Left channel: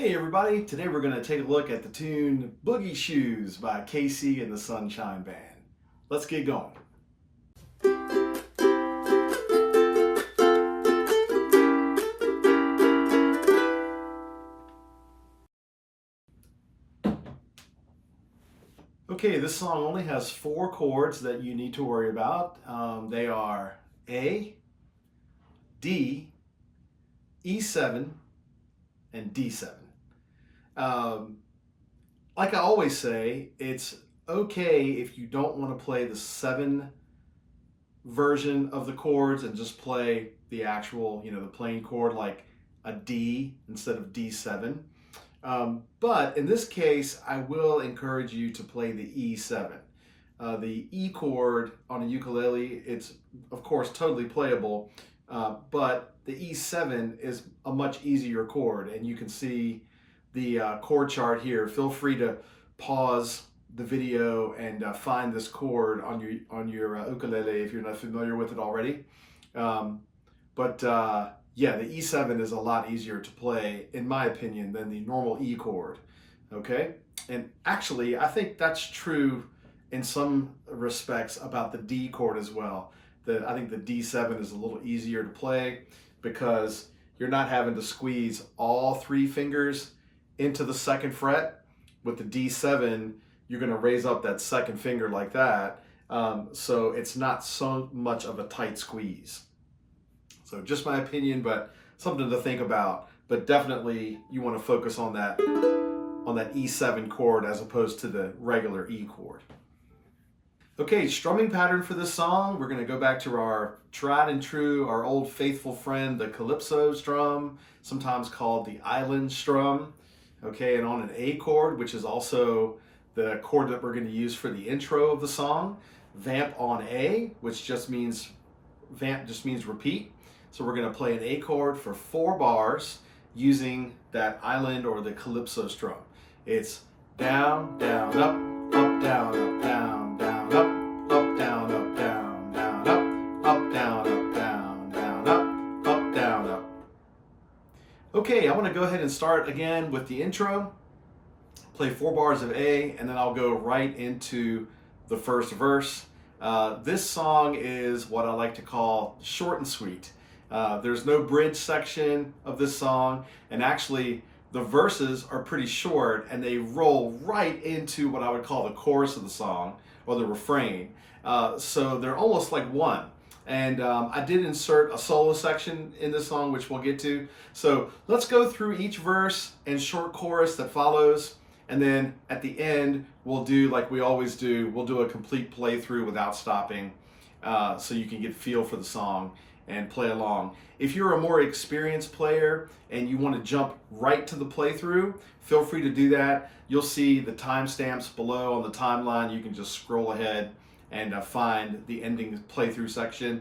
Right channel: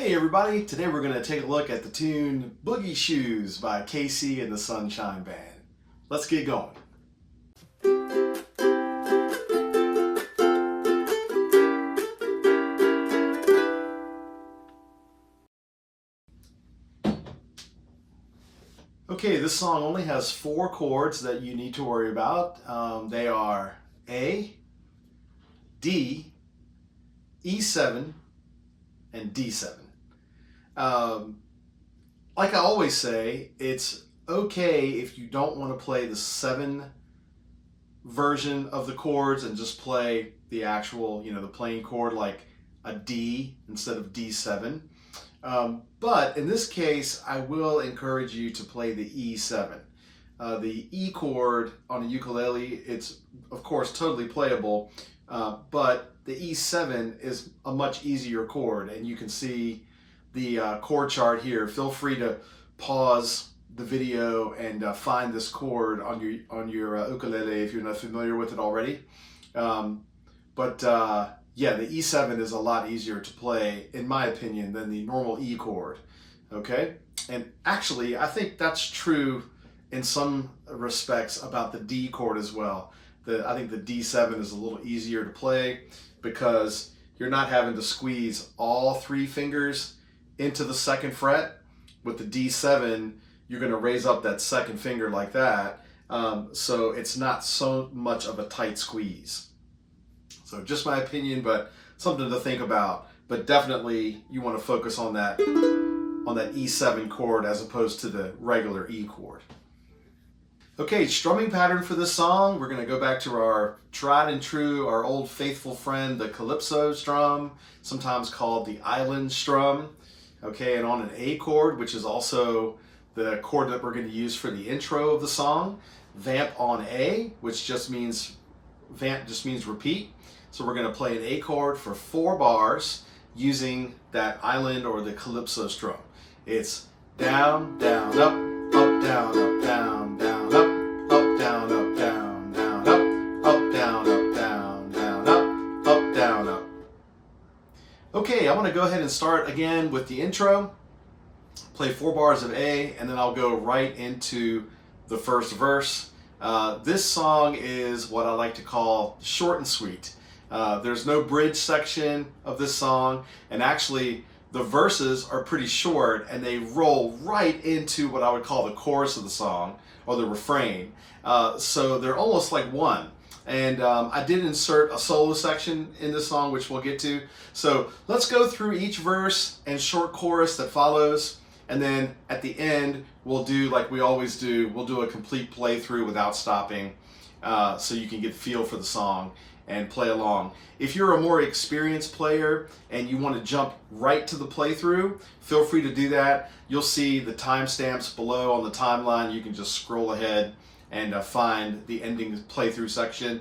Hey everybody, today we're going to take a look at the tune Boogie Shoes by KC and the Sunshine Band. Let's get going. Okay, this song only has 4 chords that you need to worry about. They are A, D, E7, and D7. Like I always say, it's okay if you don't want to play the 7 version of the chords and just play the actual, the plain chord like a D instead of D7. But in this case, I will encourage you to play the E7. The E chord on a ukulele, it's of course totally playable, but the E7 is a much easier chord, and you can see the chord chart here. Feel free to pause the video and find this chord on your ukulele if you're not familiar with it already. Yeah, the E7 is a lot easier to play, in my opinion, than the normal E chord. Okay, and actually, I think that's true in some respects about the D chord as well. I think the D7 is a little easier to play because you're not having to squeeze all 3 fingers into the 2nd fret. With the D7, you're going to raise up that 2nd finger like that, so it's not so much of a tight squeeze. So just my opinion, but something to think about. But definitely you want to focus on that E7 chord as opposed to the regular E chord. Okay, strumming pattern for this song, we're going to go back to our tried and true, our old faithful friend, the calypso strum, sometimes called the island strum. Okay, and on an A chord, which is also the chord that we're going to use for the intro of the song, vamp on A, which vamp just means repeat. So we're going to play an A chord for 4 bars using that island or the calypso strum. It's down, down, up, up, down, up, down, down, up, down, up, down, down, up, down, up, down, down, up, down, up. Okay, I want to go ahead and start again with the intro, play 4 bars of A, and then I'll go right into the first verse. This song is what I like to call short and sweet. There's no bridge section of this song, and actually the verses are pretty short and they roll right into what I would call the chorus of the song or the refrain. So they're almost like one. And I did insert a solo section in this song, which we'll get to. So let's go through each verse and short chorus that follows. And then at the end, we'll do like we always do. We'll do a complete playthrough without stopping, so you can get feel for the song and play along. If you're a more experienced player and you want to jump right to the playthrough, feel free to do that. You'll see the timestamps below on the timeline. You can just scroll ahead and find the ending playthrough section.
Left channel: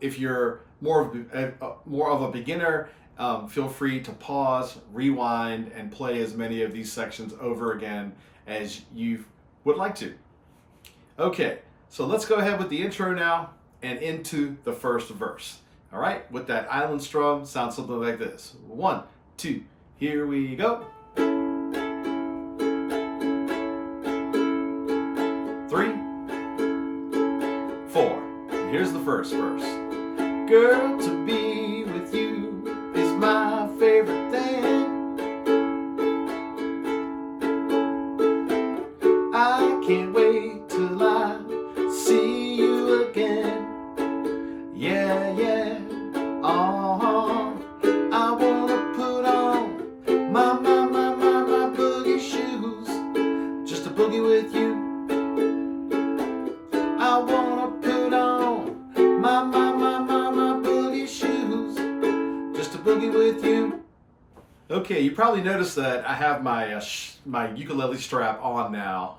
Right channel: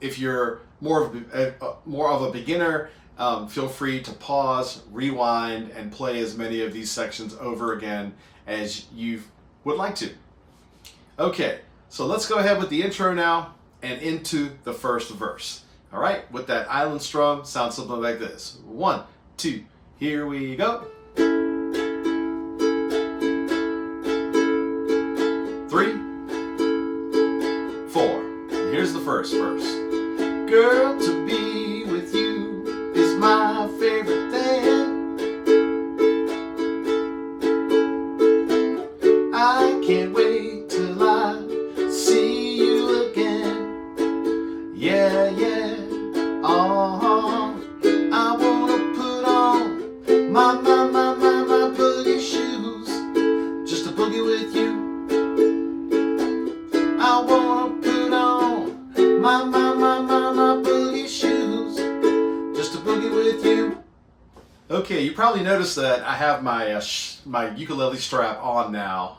If you're more of a beginner, feel free to pause, rewind, and play as many of these sections over again as you would like to. Okay, so let's go ahead with the intro now and into the first verse. All right, with that island strum, sounds something like this. 1, 2, here we go. 3, 4. Here's the first verse. Girl, to be with you is my favorite thing. I can't wait till I see you again. Yeah, yeah. I wanna put on my boogie shoes just to boogie with you. I wanna put on my boogie shoes just to boogie with you. Okay, you probably noticed that I have my my ukulele strap on now.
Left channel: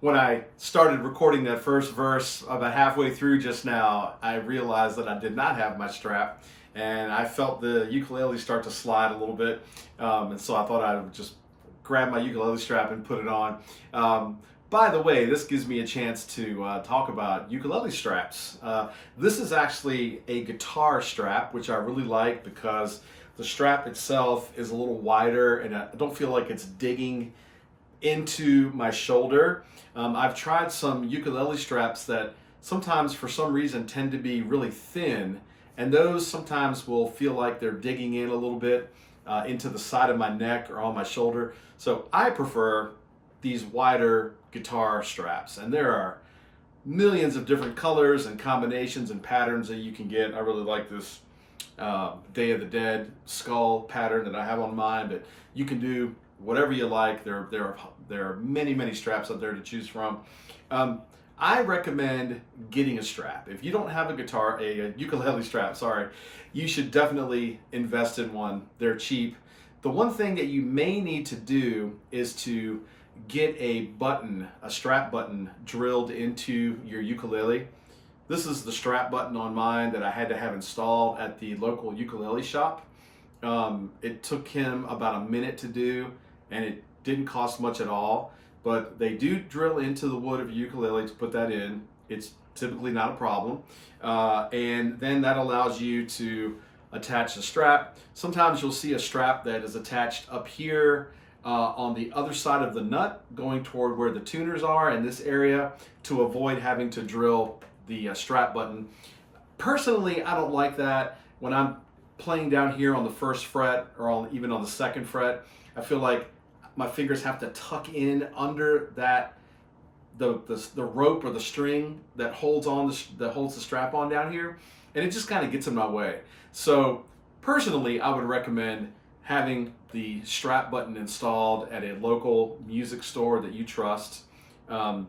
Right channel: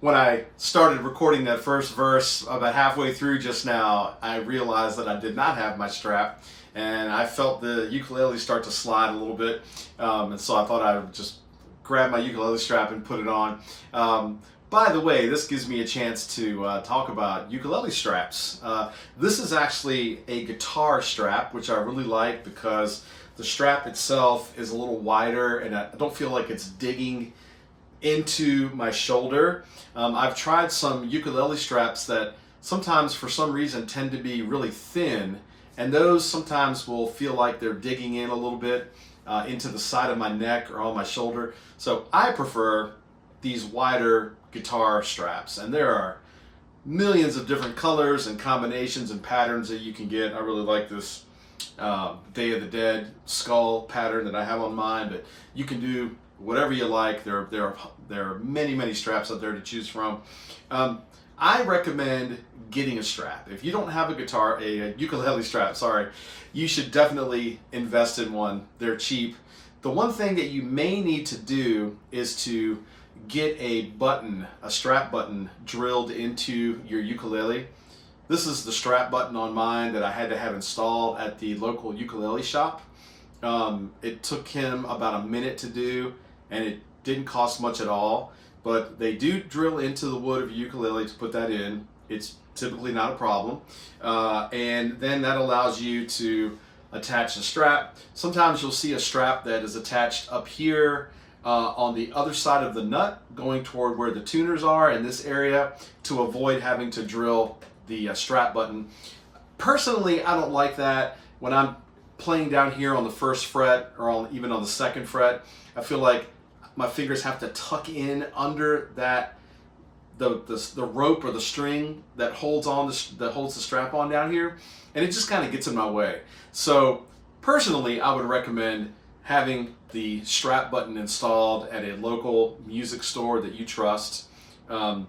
When I started recording that first verse about halfway through just now, I realized that I did not have my strap, and I felt the ukulele start to slide a little bit, and so I thought I would just grab my ukulele strap and put it on. By the way, this gives me a chance to talk about ukulele straps. This is actually a guitar strap, which I really like because the strap itself is a little wider and I don't feel like it's digging into my shoulder. I've tried some ukulele straps that sometimes for some reason tend to be really thin, and those sometimes will feel like they're digging in a little bit into the side of my neck or on my shoulder. So I prefer these wider guitar straps, and there are millions of different colors and combinations and patterns that you can get. I really like this Day of the Dead skull pattern that I have on mine, but you can do whatever you like. There are many straps out there to choose from. I recommend getting a strap. If you don't have a ukulele strap, sorry, you should definitely invest in one. They're cheap. The one thing that you may need to do is to get a strap button drilled into your ukulele. This is the strap button on mine that I had to have installed at the local ukulele shop. It took him about a minute to do, and it didn't cost much at all, but they do drill into the wood of your ukulele to put that in. It's typically not a problem. And then that allows you to attach the strap. Sometimes you'll see a strap that is attached up here on the other side of the nut, going toward where the tuners are in this area, to avoid having to drill the strap button. Personally, I don't like that. When I'm playing down here on the first fret or even on the second fret, I feel like my fingers have to tuck in under that the rope or the string that holds the strap on down here, and it just kind of gets in my way. So personally, I would recommend having the strap button installed at a local music store that you trust, and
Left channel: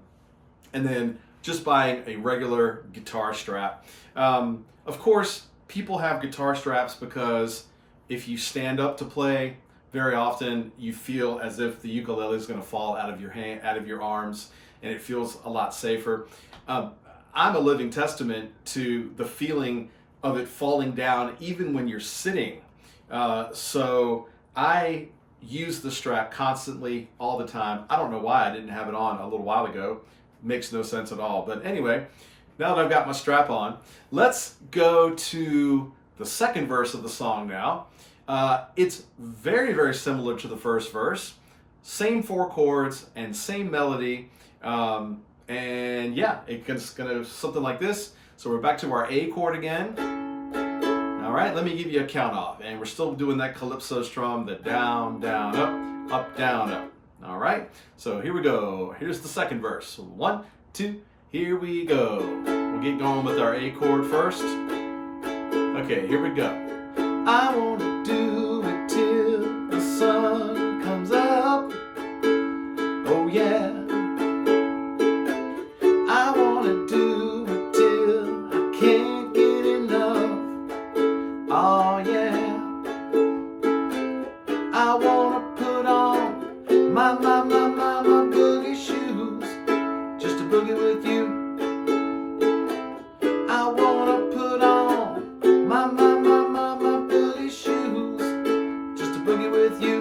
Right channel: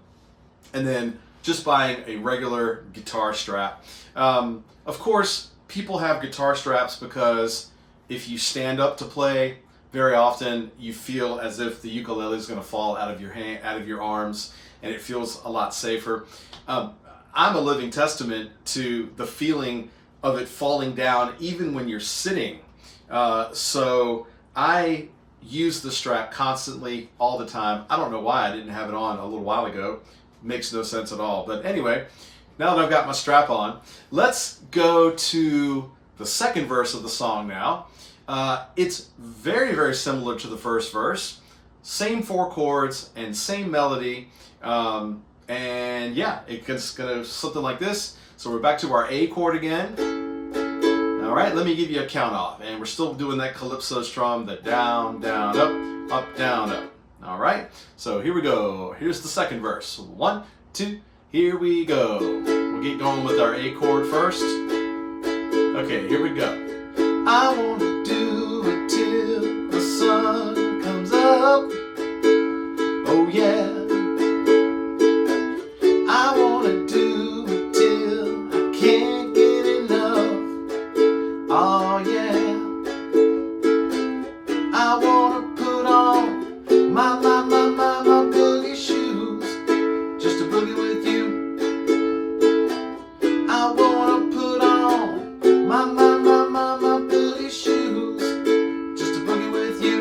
then just buying a regular guitar strap. Of course, people have guitar straps because if you stand up to play, very often you feel as if the ukulele is going to fall out of your hand, out of your arms, and it feels a lot safer. I'm a living testament to the feeling of it falling down even when you're sitting. So I use the strap constantly, all the time. I don't know why I didn't have it on a little while ago. Makes no sense at all. But anyway, now that I've got my strap on, let's go to the second verse of the song now. It's very similar to the first verse. Same 4 chords and same melody. And yeah, it's gonna something like this. So we're back to our A chord again. All right, let me give you a count off. And we're still doing that calypso strum, the down, down, up, down, up. All right, so here we go. Here's the second verse. 1, 2, here we go. We'll get going with our A chord first. Okay, here we go. I want to do it till the sun comes up. Oh yeah. I want to do it till I can't get enough. Oh yeah. I want to put on my boogie shoes just to boogie with you. I want to put on my boogie shoes just to boogie with you.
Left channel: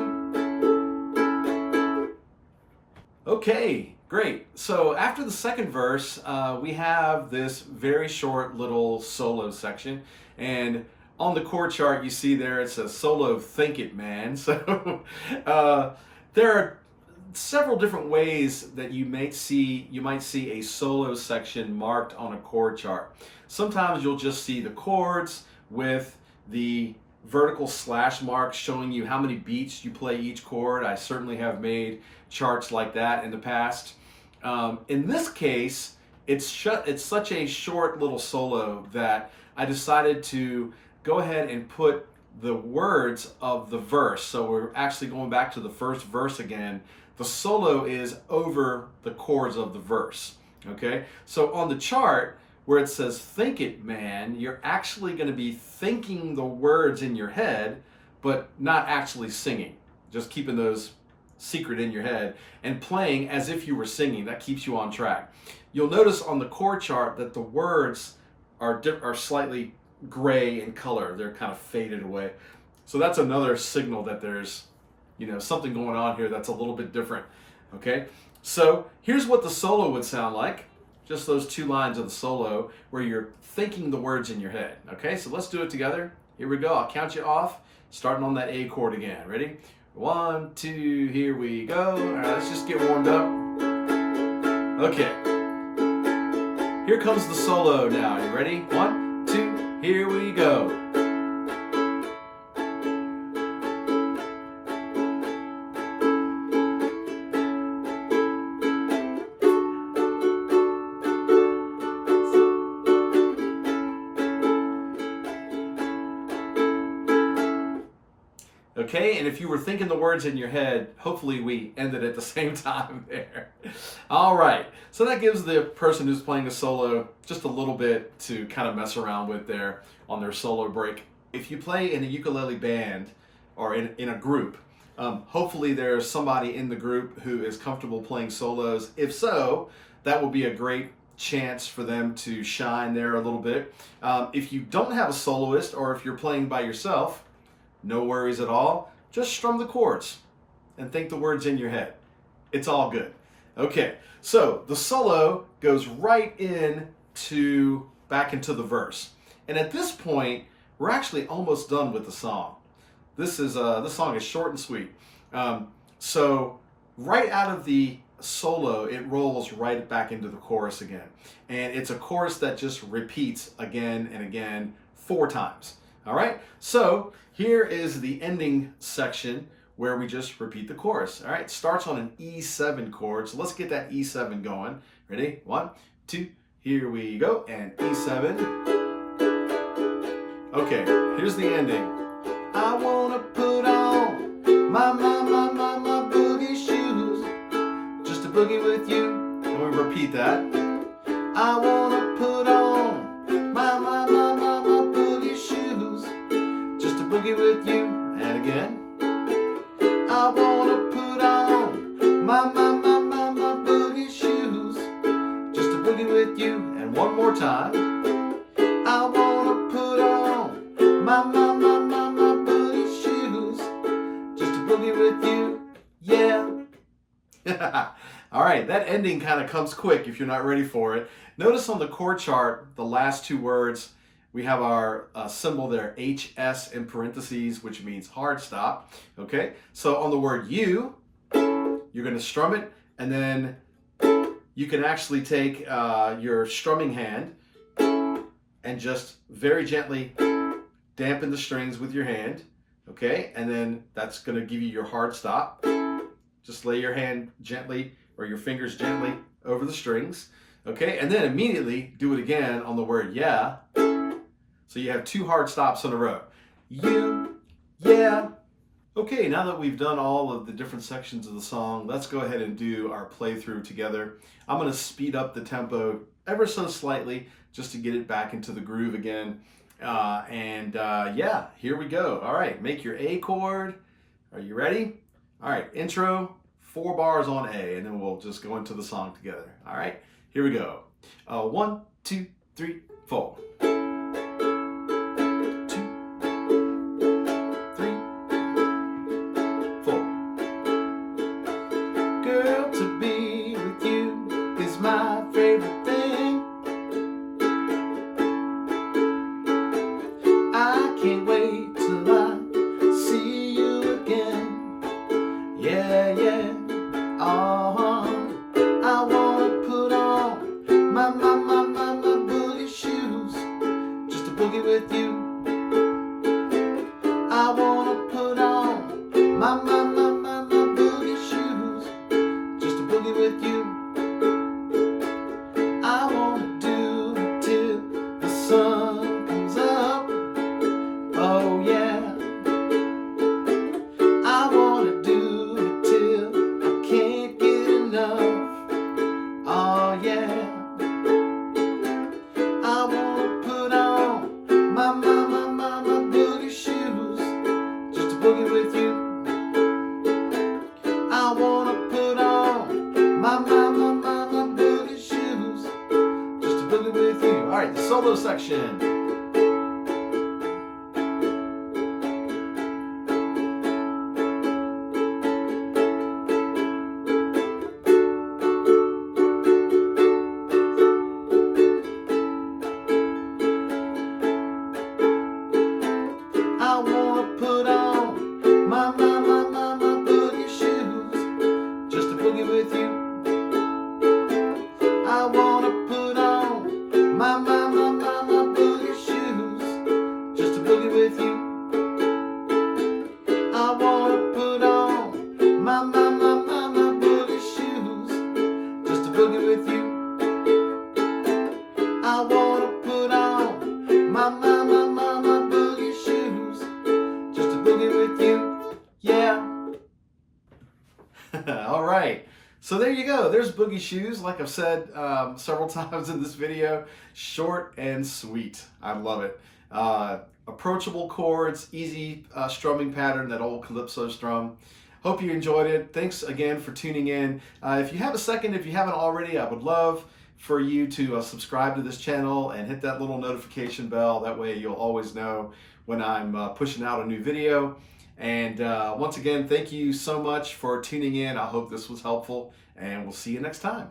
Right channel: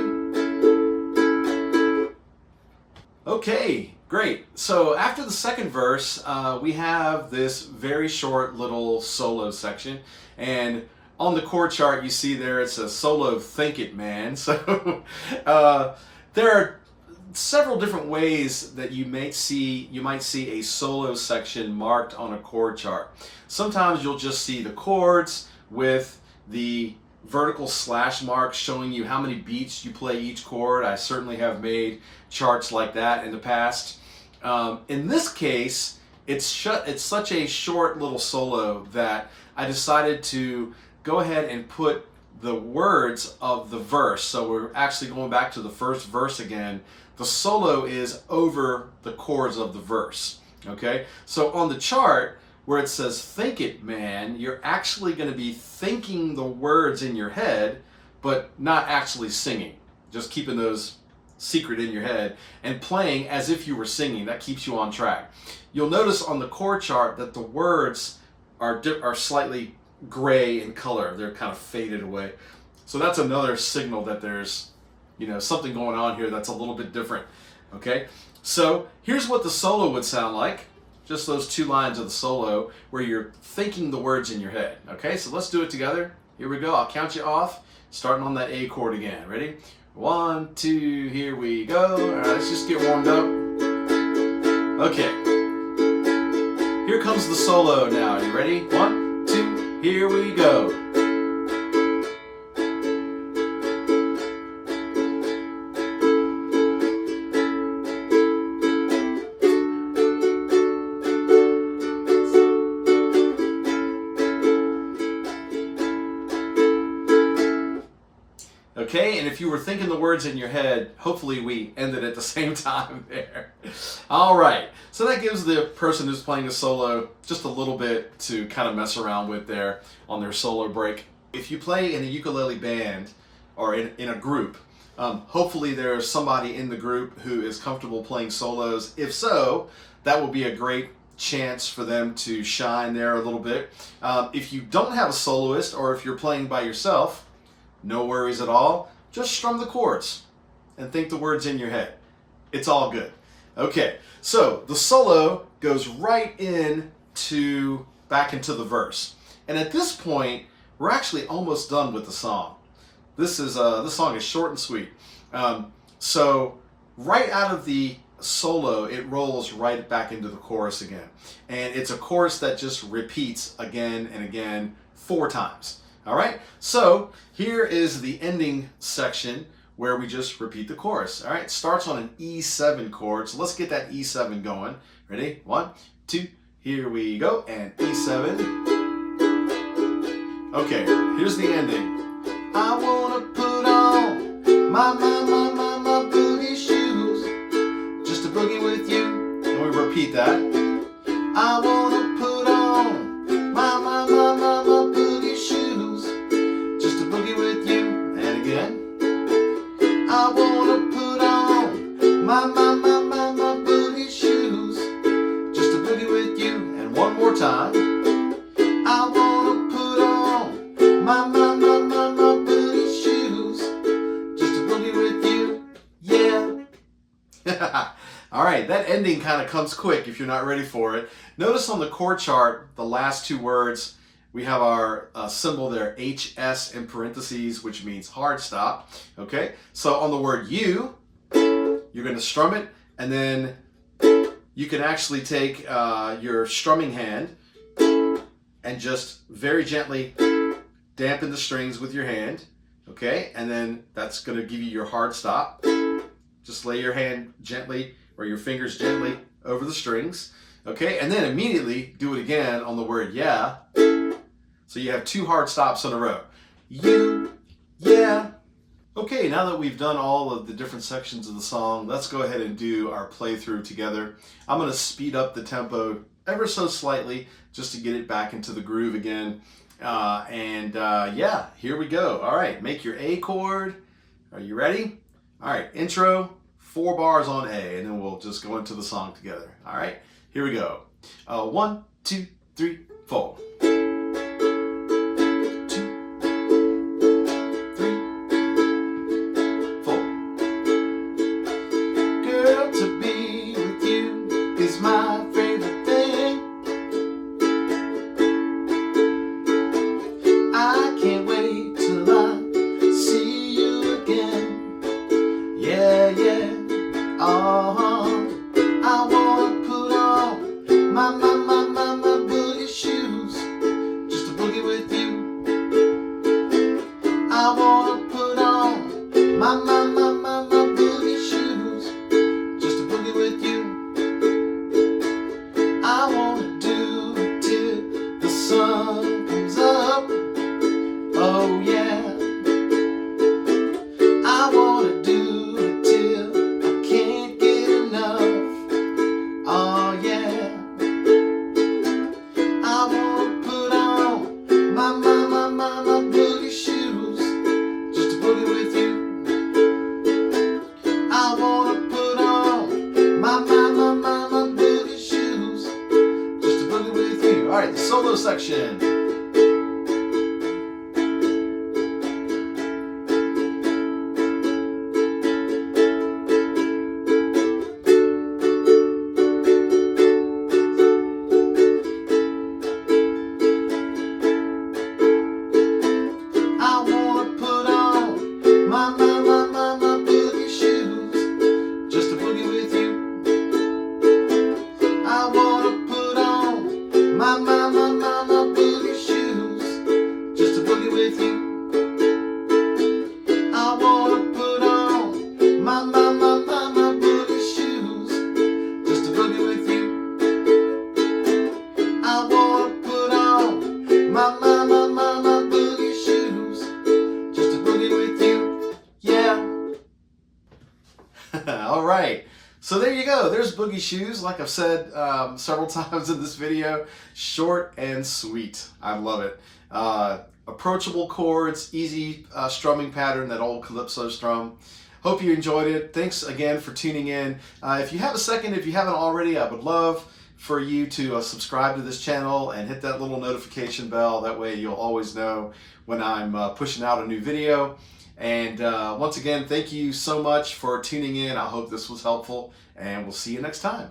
Okay, great. So after the second verse, we have this very short little solo section, and on the chord chart you see there it says solo Think It Man. So there are several different ways that you might see a solo section marked on a chord chart. Sometimes you'll just see the chords with the vertical slash marks showing you how many beats you play each chord. I certainly have made charts like that in the past. In this case, it's such a short little solo that I decided to go ahead and put the words of the verse. So we're actually going back to the first verse again. The solo is over the chords of the verse. Okay, so on the chart where it says Think It Man, you're actually going to be thinking the words in your head, but not actually singing. Just keeping those secret in your head and playing as if you were singing. That keeps you on track. You'll notice on the chord chart that the words are slightly gray in color. They're kind of faded away. So that's another signal that there's, something going on here that's a little bit different. Okay, so here's what the solo would sound like. Just those 2 lines of the solo where you're thinking the words in your head. Okay, so let's do it together. Here we go. I'll count you off. starting on that A chord again. Ready? 1, 2, here we go. All right, let's just get warmed up. Okay. Here comes the solo now. You ready? 1, 2, here we go. Okay, and if you were thinking the words in your head, hopefully we ended at the same time there. All right, so that gives the person who's playing a solo just a little bit to kind of mess around with there on their solo break. If you play in a ukulele band or in a group, hopefully there's somebody in the group who is comfortable playing solos. If so, that will be a great chance for them to shine there a little bit. If you don't have a soloist, or if you're playing by yourself, no worries at all. Just strum the chords and think the words in your head. It's all good. Okay, so the solo goes right back into the verse. And at this point, we're actually almost done with the song. This song is short and sweet. So right out of the solo, it rolls right back into the chorus again. And it's a chorus that just repeats again and again 4 times. All right, so here is the ending section where we just repeat the chorus. All right, it starts on an E7 chord, so let's get that E7 going. Ready? 1, 2, here we go, and E7. Okay, here's the ending. I wanna put on my boogie shoes, just to boogie with you, and we repeat that. I wanna put on my boogie shoes, just to boogie with you, and again. I wanna put on my boogie shoes, just to boogie with you, and one more time. I wanna put on my boogie shoes, just to boogie with you, yeah. All right, that ending kind of comes quick if you're not ready for it. Notice on the chord chart, the last 2 words, we have our symbol there, HS in parentheses, which means hard stop. Okay, so on the word you, you're going to strum it, and then you can actually take your strumming hand and just very gently dampen the strings with your hand. Okay, and then that's going to give you your hard stop. Just lay your hand gently, or your fingers gently over the strings. Okay, and then immediately do it again on the word yeah. So you have 2 hard stops in a row. You, yeah. Okay, now that we've done all of the different sections of the song, let's go ahead and do our playthrough together. I'm going to speed up the tempo ever so slightly just to get it back into the groove again. Yeah, here we go. All right, make your A chord. Are you ready? All right, intro, 4 bars on A, and then we'll just go into the song together. All right, here we go. 1, 2, 3, 4. Solo section. I wanna put on All right. So there you go. There's Boogie Shoes. Like I've said several times in this video, short and sweet. I love it. Approachable chords, easy strumming pattern, that old calypso strum. Hope you enjoyed it. Thanks again for tuning in. If you have a second, if you haven't already, I would love for you to subscribe to this channel and hit that little notification bell. That way you'll always know when I'm pushing out a new video. And once again, thank you so much for tuning in. I hope this was helpful, and we'll see you next time.